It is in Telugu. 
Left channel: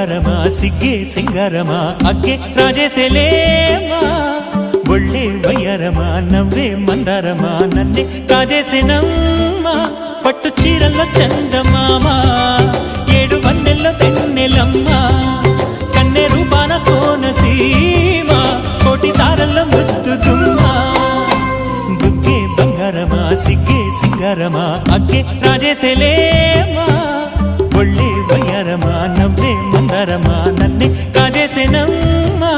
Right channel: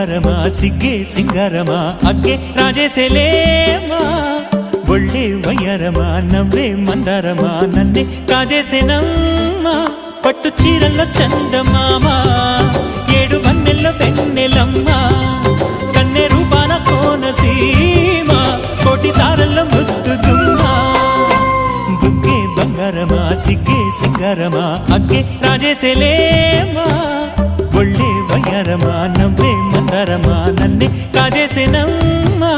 బంగారమా సిగ్గే సింగారమా అగ్గే రాజేసేలేమా ఒళ్ళే వయ్యారమా నవ్వే మందారమా నన్నే కాజేసేనమ్మా పట్టు చీరల్లో చందమామా ఏడు వన్నెల్లో వెన్నెలమ్మా కన్నె రూపాన కోనసీమ కోటి తారల్లో ముద్దుదుమ్మా బుగ్గే బంగారమా సిగ్గే సింగారమా అగ్గే రాజేసేలేమా ఒళ్ళే వయ్యారమా నవ్వే మందారమా నన్నే కాజేసేనమ్మా